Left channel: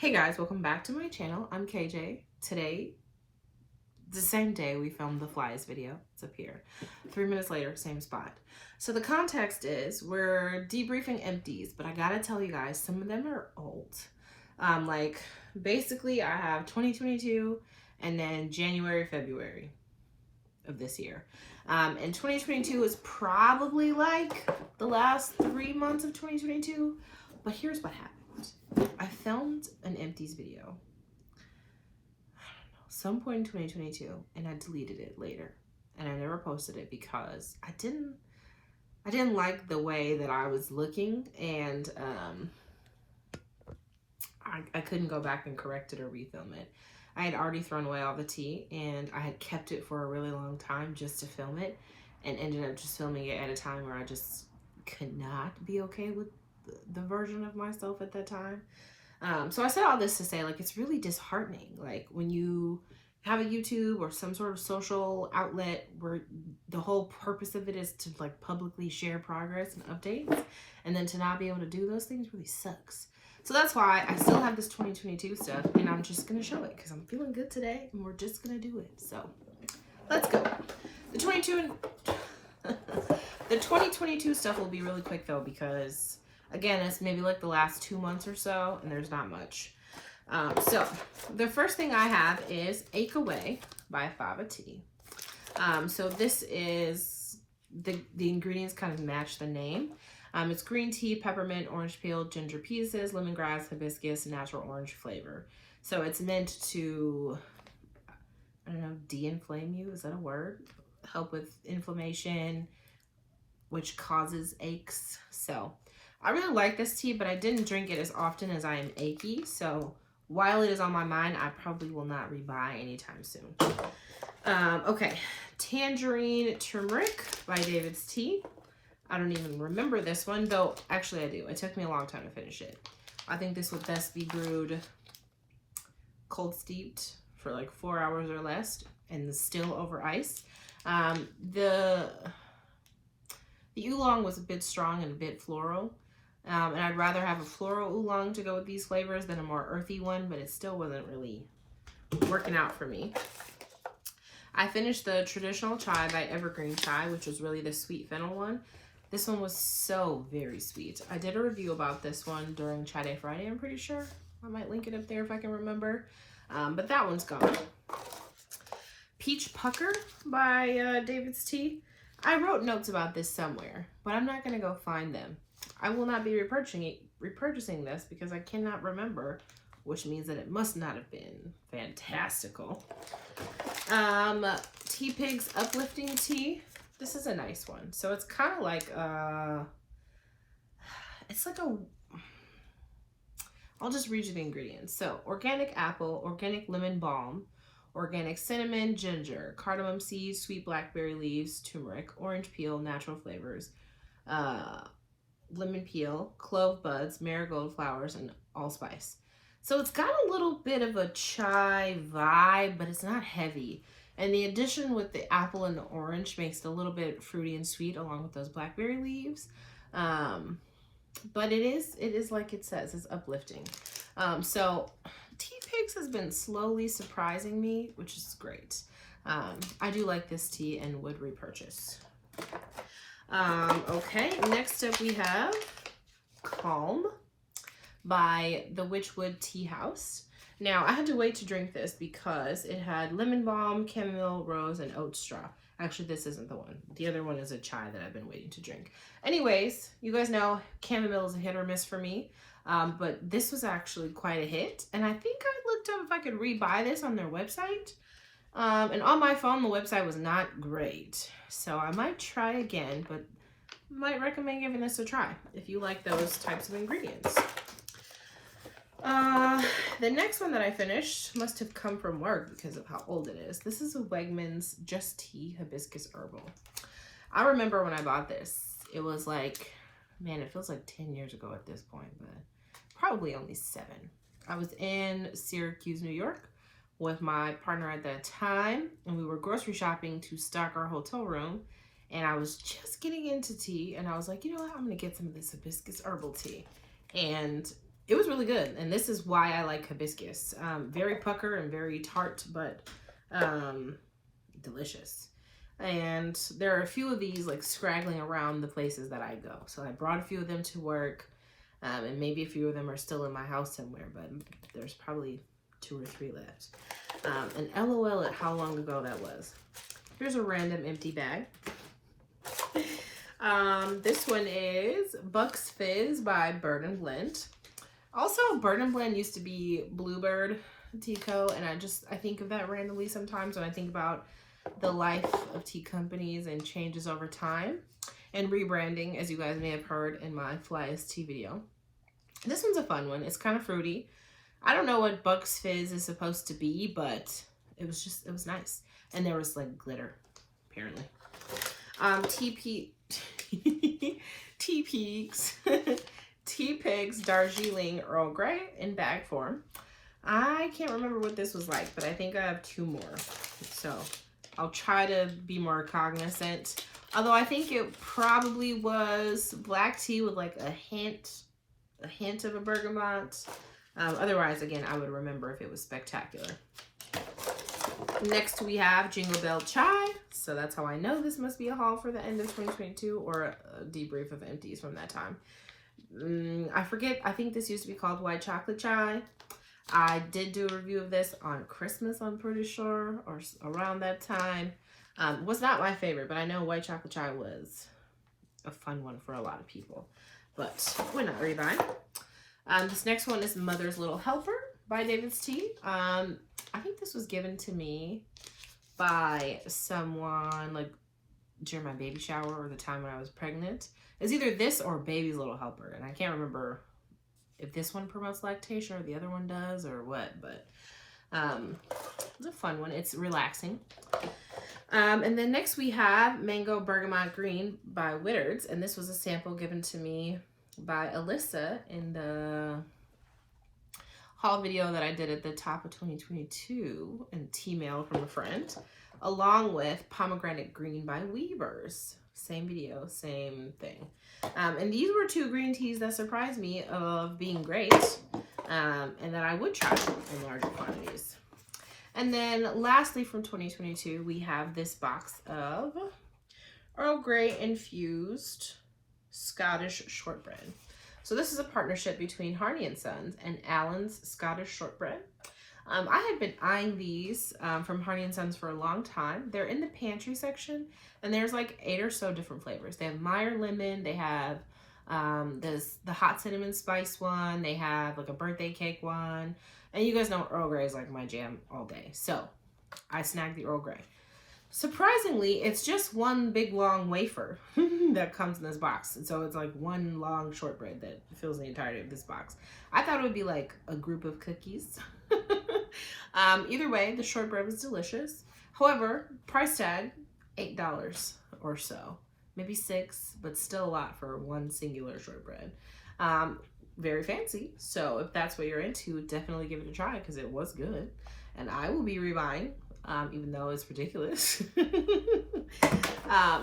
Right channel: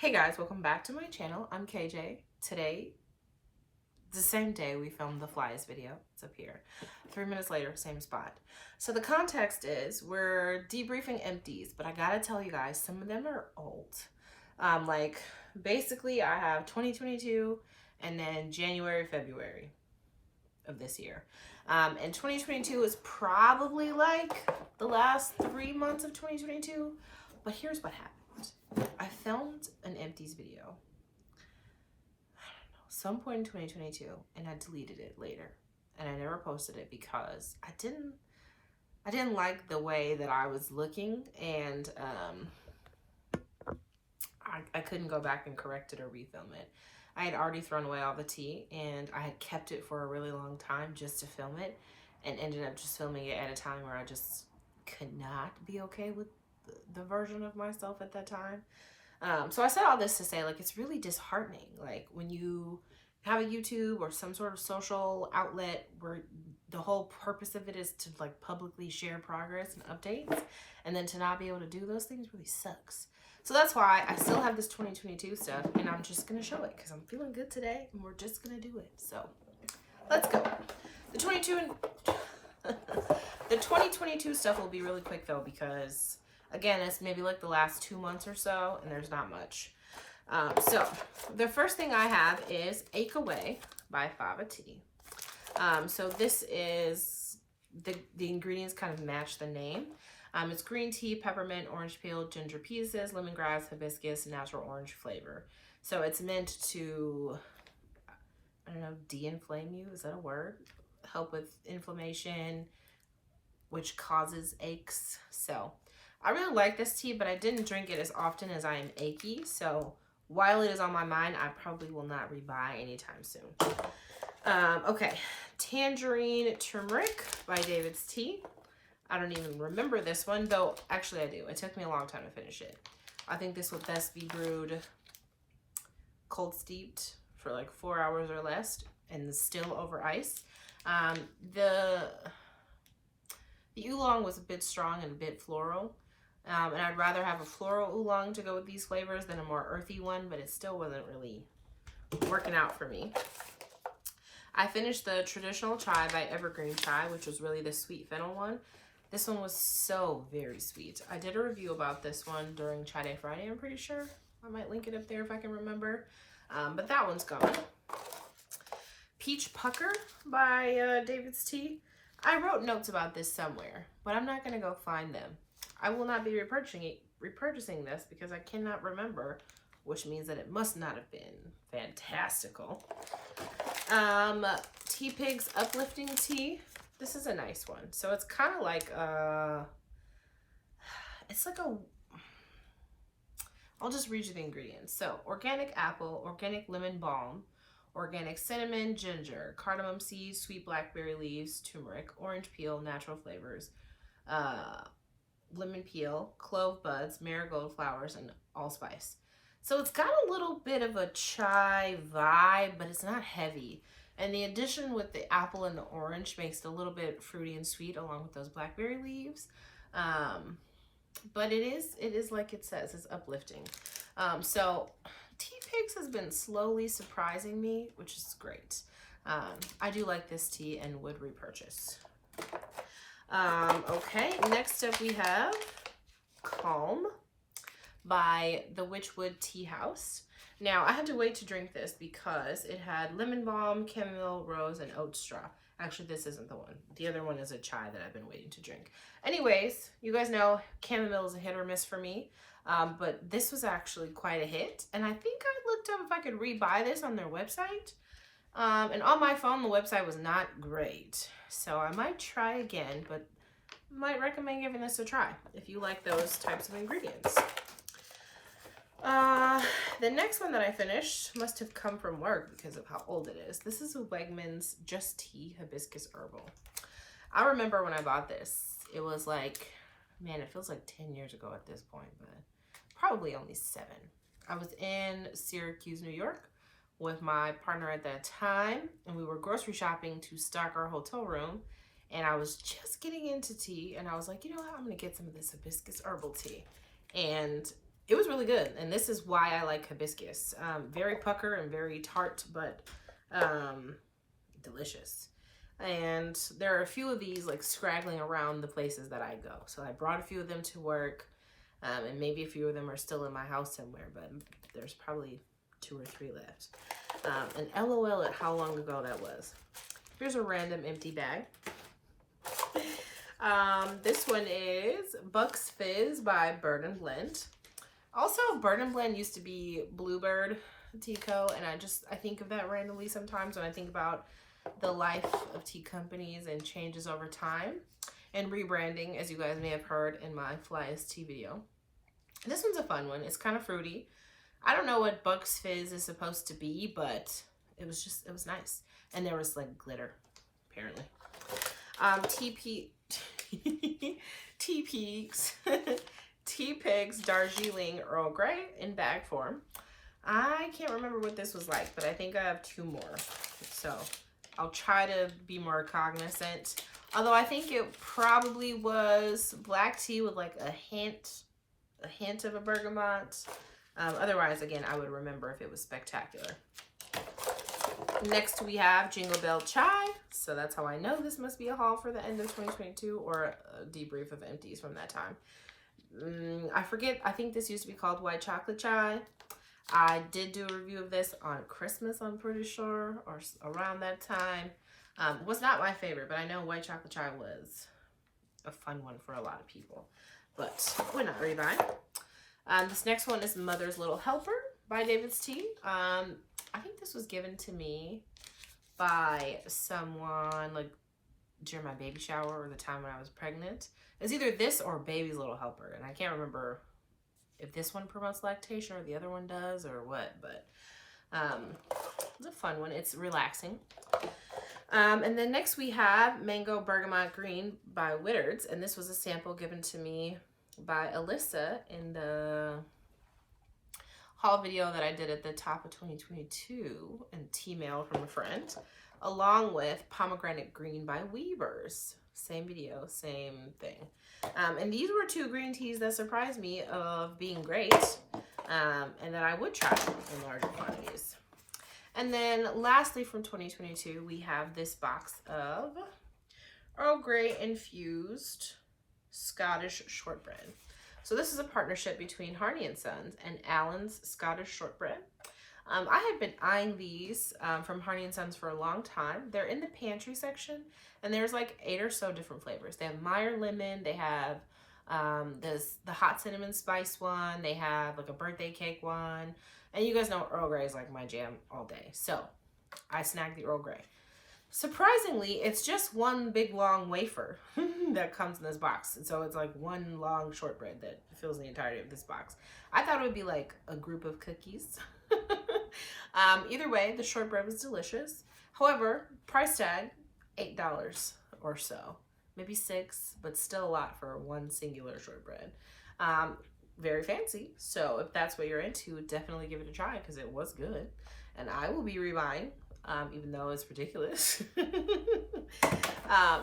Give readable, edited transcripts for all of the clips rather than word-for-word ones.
Hey guys, welcome back to my channel. I'm KJ. Today, the same day we filmed the flies video. It's up here. 3 minutes later, same spot. So the context is we're debriefing Empties, but I gotta tell you guys, some of them are old. Like basically I have 2022 and then January, February of this year. And 2022 is probably like the last 3 months of 2022. But here's what happened. I filmed an Empties video, some point in 2022, and I deleted it later, and I never posted it because I didn't like the way that I was looking, and I couldn't go back and correct it or refilm it. I had already thrown away all the tea, and I had kept it for a really long time just to film it, and ended up just filming it at a time where I just could not be okay with the version of myself at that time. So I said all this to say, like, it's really disheartening. Like, when you have a YouTube or some sort of social outlet where the whole purpose of it is to, like, publicly share progress and updates, and then to not be able to do those things really sucks. So that's why I still have this 2022 stuff, and I'm just going to show it because I'm feeling good today, and we're just going to do it. So let's go. The 2022 stuff will be really quick, though, because again, it's maybe like the last 2 months or so, and there's not much. So the first thing I have is Ache Away by Fava Tea. So this is, the ingredients kind of match the name. It's green tea, peppermint, orange peel, ginger pieces, lemongrass, hibiscus, natural orange flavor. So it's meant to, I don't know, de-inflame you, is that a word? Help with inflammation, which causes aches. So I really like this tea, but I didn't drink it as often as I am achy. So while it is on my mind, I probably will not rebuy anytime soon. Okay, Tangerine Turmeric by David's Tea. I don't even remember this one, though actually I do. It took me a long time to finish it. I think this would best be brewed cold steeped for like 4 hours or less and still over ice. The oolong was a bit strong and a bit floral. And I'd rather have a floral oolong to go with these flavors than a more earthy one, but it still wasn't really working out for me. I finished the traditional chai by Evergreen Chai, which was really the sweet fennel one. This one was so very sweet. I did a review about this one during Chai Day Friday, I'm pretty sure. I might link it up there if I can remember. But that one's gone. Peach Pucker by David's Tea. I wrote notes about this somewhere, but I'm not going to go find them. I will not be repurchasing this because I cannot remember, which means that it must not have been fantastical. Tea Pig's Uplifting Tea. This is a nice one. So it's kind of like, it's like a, I'll just read you the ingredients. So organic apple, organic lemon balm, organic cinnamon, ginger, cardamom seeds, sweet blackberry leaves, turmeric, orange peel, natural flavors, lemon peel, clove buds, marigold flowers, and allspice. So it's got a little bit of a chai vibe, but it's not heavy. And the addition with the apple and the orange makes it a little bit fruity and sweet along with those blackberry leaves. But it is like it says, it's uplifting. So Tea Pigs has been slowly surprising me, which is great. I do like this tea and would repurchase. Okay, next up we have Calm by the Witchwood Tea House. Now, I had to wait to drink this because it had lemon balm, chamomile, rose, and oat straw. Actually, this isn't the one. The other one is a chai that I've been waiting to drink. Anyways, you guys know chamomile is a hit or miss for me. But this was actually quite a hit. And I think I looked up if I could rebuy this on their website. And on my phone, the website was not great. So I might try again, but might recommend giving this a try if you like those types of ingredients. The next one that I finished must have come from work because of how old it is. This is a Wegmans Just Tea Hibiscus Herbal. I remember when I bought this, it was like, man, it feels like 10 years ago at this point, but probably only 7. I was in Syracuse, New York with my partner at that time, and we were grocery shopping to stock our hotel room, and I was just getting into tea, and I was like, you know what, I'm gonna get some of this hibiscus herbal tea. And it was really good. And this is why I like hibiscus. Very pucker and very tart, but delicious. And there are a few of these like scraggling around the places that I go. So I brought a few of them to work, and maybe a few of them are still in my house somewhere, but there's probably 2 or 3 left. And LOL at how long ago that was. Here's a random empty bag. This one is Bucks Fizz by Bird and Blend. Also, Bird and Blend used to be Bluebird Tea Co. And I think of that randomly sometimes when I think about the life of tea companies and changes over time and rebranding, as you guys may have heard in my Flyest tea video. This one's a fun one. It's kind of fruity. I don't know what Bucks Fizz is supposed to be, but it was nice. And there was like glitter, apparently. Teapigs Darjeeling Earl Grey in bag form. I can't remember what this was like, but I think I have 2 more. So I'll try to be more cognizant. Although I think it probably was black tea with like a hint of a bergamot. Otherwise, again, I would remember if it was spectacular. Next, we have Jingle Bell Chai. So that's how I know this must be a haul for the end of 2022 or a debrief of empties from that time. I forget. I think this used to be called White Chocolate Chai. I did do a review of this on Christmas, I'm pretty sure, or around that time. Was not my favorite, but I know White Chocolate Chai was a fun one for a lot of people. But we're not rebuying. This next one is Mother's Little Helper by David's Tea. I think this was given to me by someone like during my baby shower or the time when I was pregnant. It's either this or Baby's Little Helper, and I can't remember if this one promotes lactation or the other one does or what, but it's a fun one. It's relaxing. And then next we have Mango Bergamot Green by Whittards, and this was a sample given to me by Alyssa in the haul video that I did at the top of 2022 and tea mail from a friend, along with Pomegranate Green by Weavers. Same video, same thing. And these were 2 green teas that surprised me of being great, and that I would try in larger quantities. And then lastly from 2022, we have this box of Earl Grey infused Scottish shortbread. So this is a partnership between Harney & Sons and Allen's Scottish Shortbread. I had been eyeing these from Harney & Sons for a long time. They're in the pantry section, and there's like 8 or so different flavors. They have Meyer Lemon, they have the hot cinnamon spice one, they have like a birthday cake one, and you guys know Earl Grey is like my jam all day. So I snagged the Earl Grey. Surprisingly, it's just one big long wafer that comes in this box. And so it's like one long shortbread that fills the entirety of this box. I thought it would be like a group of cookies. Either way, the shortbread was delicious. However, price tag, $8 or so. Maybe 6, but still a lot for one singular shortbread. Very fancy. So if that's what you're into, definitely give it a try because it was good. And I will be rebuying. Even though it's ridiculous.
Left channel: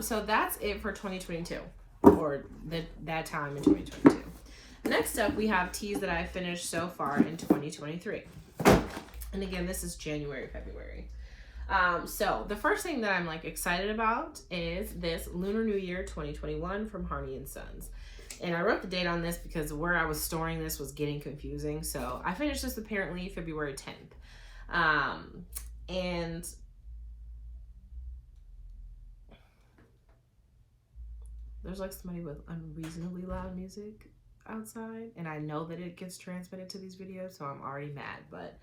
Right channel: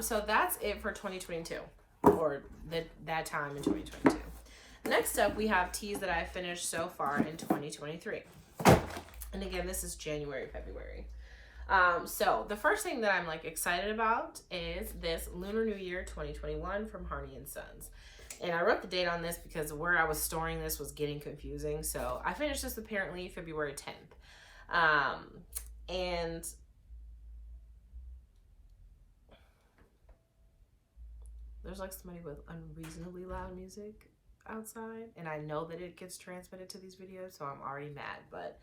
So that's it for 2022, or that time in 2022. Next up, we have teas that I've finished so far in 2023. And again, this is January, February. So the first thing that I'm like excited about is this Lunar New Year 2021 from Harney & Sons. And I wrote the date on this because where I was storing this was getting confusing. So I finished this apparently February 10th. And there's like somebody with unreasonably loud music outside, and I know that it gets transmitted to these videos, so I'm already mad. But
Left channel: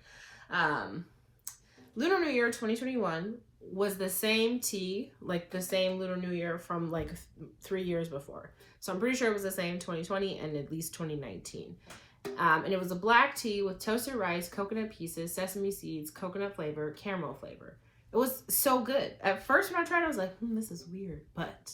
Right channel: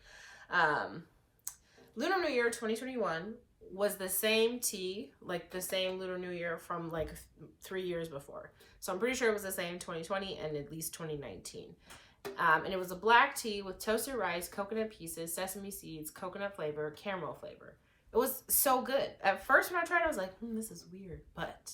Lunar New Year 2021 was the same tea, like the same Lunar New Year from like 3 years before. So I'm pretty sure it was the same 2020 and at least 2019. And it was a black tea with toasted rice, coconut pieces, sesame seeds, coconut flavor, caramel flavor. It was so good. At first when I tried it, I was like, this is weird, but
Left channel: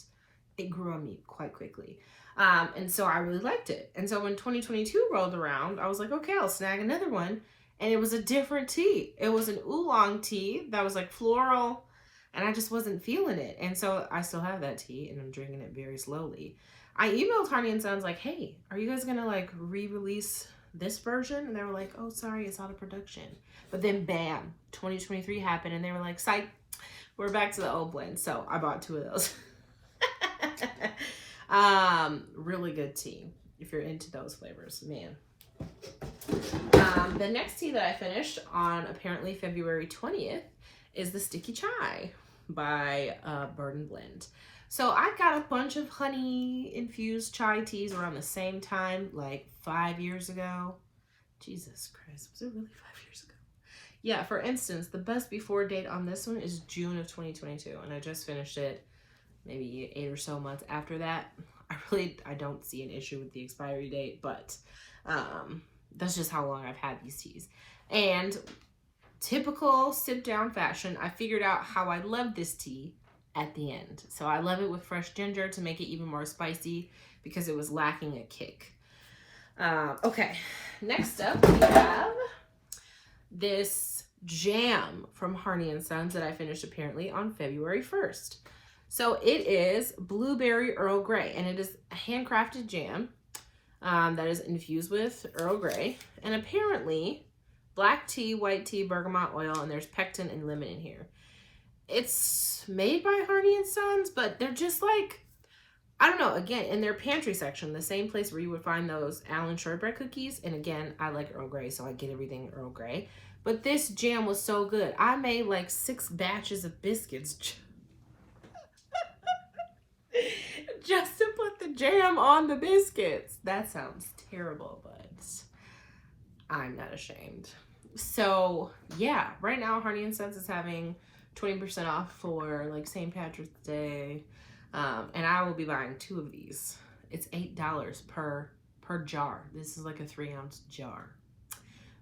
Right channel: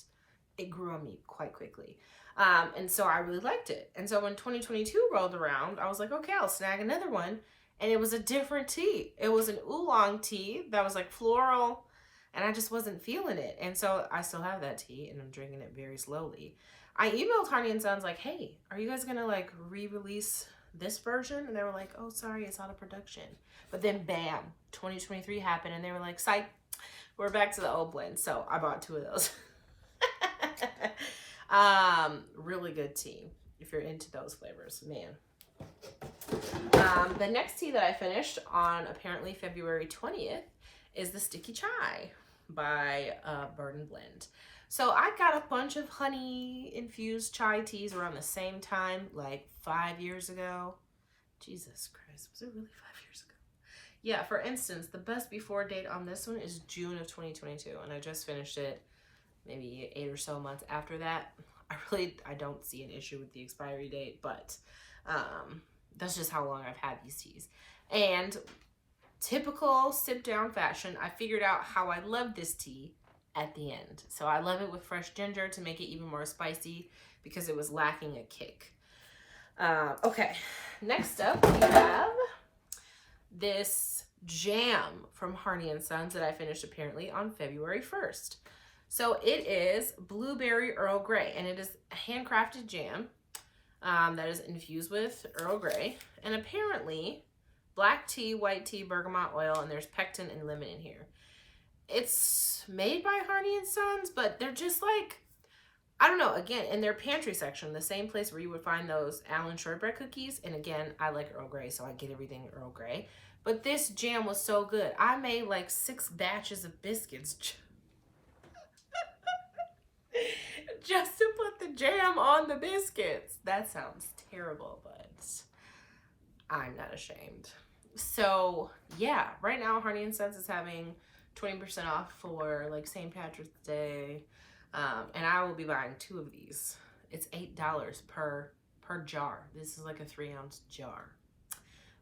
it grew on me quite quickly. And so I really liked it. And so when 2022 rolled around, I was like, okay, I'll snag another one. And it was a different tea. It was an oolong tea that was like floral, and I just wasn't feeling it. And so I still have that tea, and I'm drinking it very slowly. I emailed Harney & Sons like, hey, are you guys gonna like re-release this version, and they were like, oh, sorry, it's out of production. But then bam, 2023 happened, and they were like, psych, we're back to the old blend. So I bought 2 of those. Really good tea if you're into those flavors, man. The next tea that I finished on apparently February 20th is the Sticky Chai by Bird and Blend. So I got a bunch of honey infused chai teas around the same time, like 5 years ago. Jesus Christ, was it really 5 years ago? Yeah, for instance, the best before date on this one is June of 2022, and I just finished it maybe 8 or so months after that. I don't see an issue with the expiry date, but that's just how long I've had these teas. And typical sit down fashion, I figured out how I love this tea at the end. So I love it with fresh ginger to make it even more spicy because it was lacking a kick. Okay, next up we have this jam from Harney & Sons that I finished apparently on February 1st. So it is Blueberry Earl Grey, and it is a handcrafted jam that is infused with Earl Grey, and apparently black tea, white tea, bergamot oil, and there's pectin and lemon in here. It's made by Harney & Sons, but they're just like, I don't know, again, in their pantry section, the same place where you would find those Allen shortbread cookies. And again, I like Earl Grey, so I get everything Earl Grey. But this jam was so good. I made like 6 batches of biscuits just to put the jam on the biscuits. That sounds terrible, but I'm not ashamed. So yeah, right now Harney & Sons is having 20% off for like St. Patrick's Day. And I will be buying 2 of these. It's $8 per jar. This is like a 3-ounce jar.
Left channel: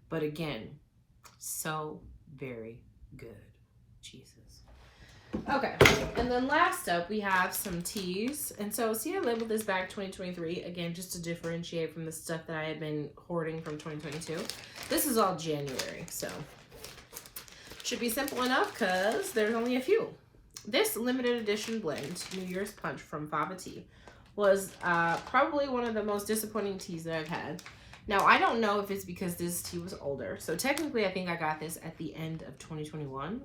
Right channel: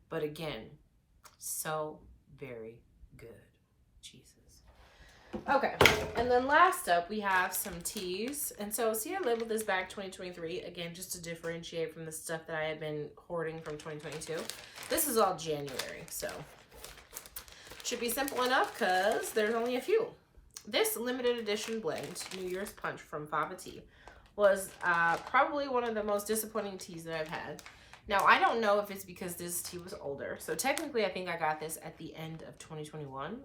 But again, so very good. Jesus. Okay, and then last up we have some teas. And so see, I labeled this bag 2023 again just to differentiate from the stuff that I had been hoarding from 2022. This is all January, so should be simple enough because there's only a few. This limited edition blend, New Year's Punch from Fava Tea, was probably one of the most disappointing teas that I've had. Now, I don't know if it's because this tea was older. So technically, I think I got this at the end of 2021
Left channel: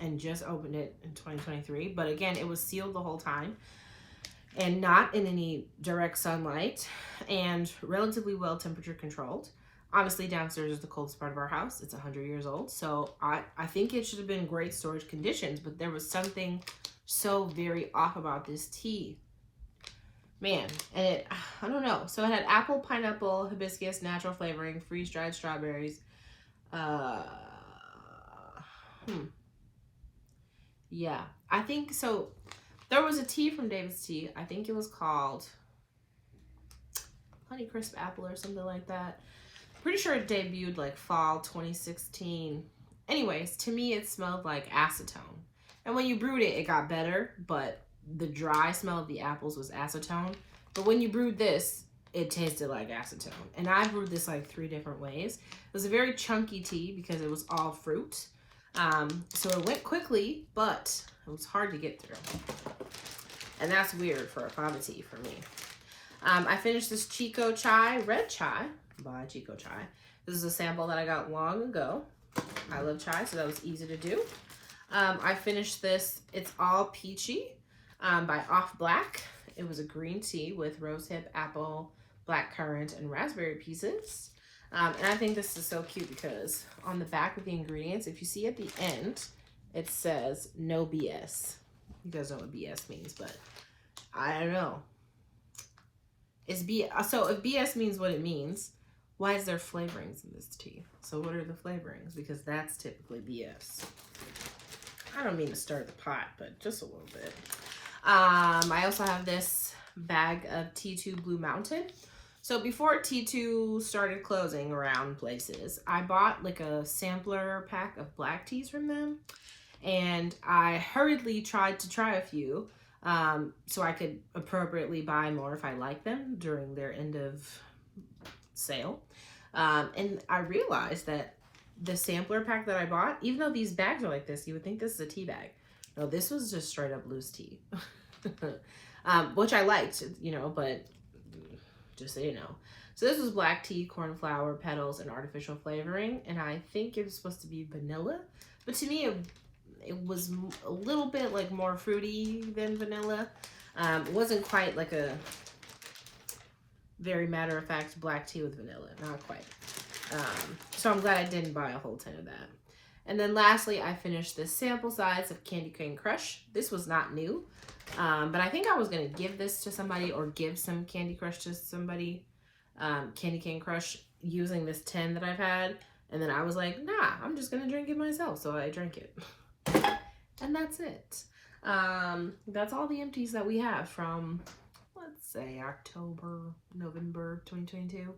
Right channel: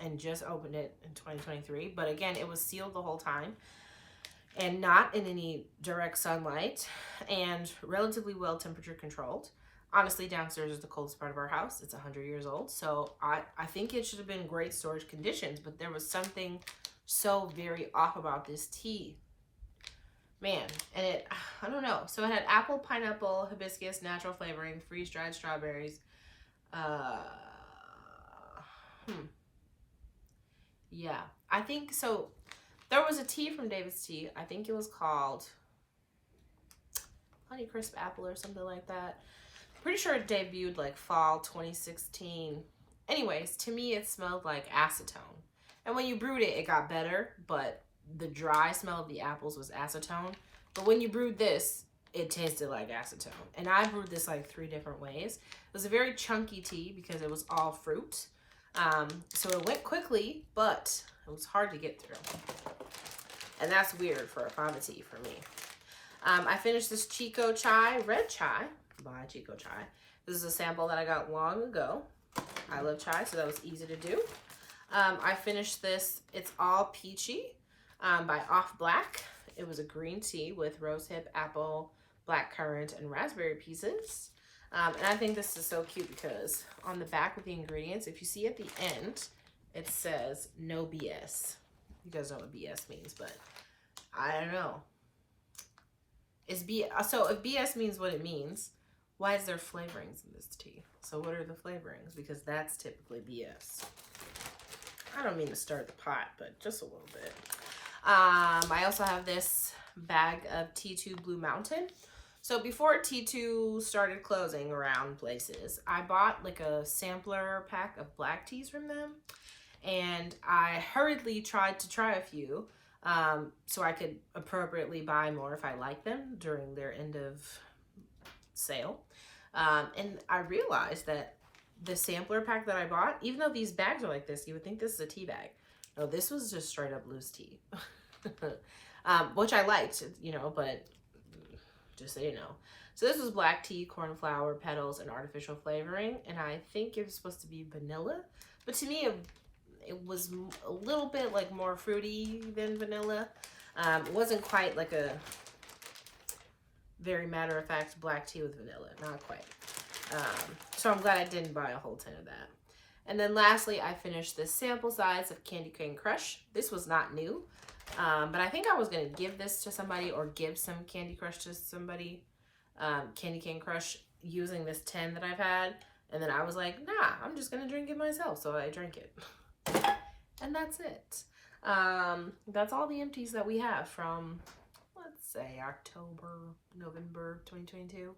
and just opened it in 2023. But again, it was sealed the whole time and not in any direct sunlight and relatively well temperature controlled. Honestly, downstairs is the coldest part of our house. It's 100 years old. So I think it should have been great storage conditions, but there was something so very off about this tea. Man, and I don't know. So it had apple, pineapple, hibiscus, natural flavoring, freeze-dried strawberries. Yeah, I think so. There was a tea from David's Tea. I think it was called Honeycrisp Apple or something like that. Pretty sure it debuted like fall 2016. Anyways, to me, it smelled like acetone. And when you brewed it, it got better, but the dry smell of the apples was acetone. But when you brewed this, it tasted like acetone. And I brewed this like 3 different ways. It was a very chunky tea because it was all fruit. So it went quickly, but it was hard to get through. And that's weird for a fava tea for me. I finished this Chico Chai, Red Chai by Chico Chai. This is a sample that I got long ago. I love chai, so that was easy to do. I finished this, It's All Peachy by Off Black. It was a green tea with rosehip, apple, blackcurrant, and raspberry pieces. And I think this is so cute because on the back with the ingredients, if you see at the end, it says no BS. You guys know what BS means, but I don't know. It's BS. So if BS means what it means, why is there flavorings in this tea? So what are the flavorings? Because that's typically BS. I don't mean to stir the pot, but just a little bit. I also have this bag of T2 Blue Mountain. So before T2 started closing around places, I bought like a sampler pack of black teas from them. And I hurriedly tried to try a few so I could appropriately buy more if I like them during their end of sale. And I realized that the sampler pack that I bought, even though these bags are like this, you would think this is a tea bag. No, this was just straight up loose tea, which I liked, you know, but just so you know. So this was black tea, cornflower, petals, and artificial flavoring. And I think it was supposed to be vanilla. But to me, it was a little bit like more fruity than vanilla. It wasn't quite like a very matter-of-fact black tea with vanilla. Not quite. So I'm glad I didn't buy a whole tin of that. And then lastly, I finished the sample size of Candy Cane Crush. This was not new, but I think I was going to give this to somebody or give some Candy Crush to somebody, Candy Cane Crush, using this tin that I've had. And then I was like, nah, I'm just going to drink it myself. So I drank it. And that's it. That's all the empties that we have from, let's say, November 2022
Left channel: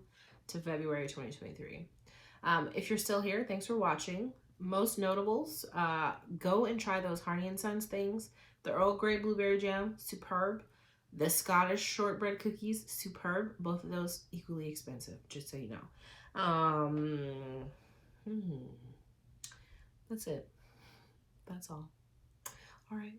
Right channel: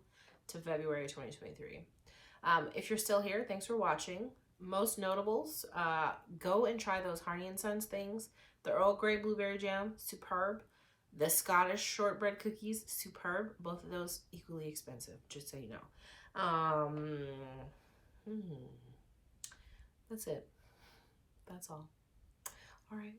to February 2023. If you're still here, thanks for watching. Most notables, go and try those Harney & Sons things. The Earl Grey Blueberry Jam, superb. The Scottish Shortbread Cookies, superb. Both of those equally expensive, just so you know. That's it. That's all. All right.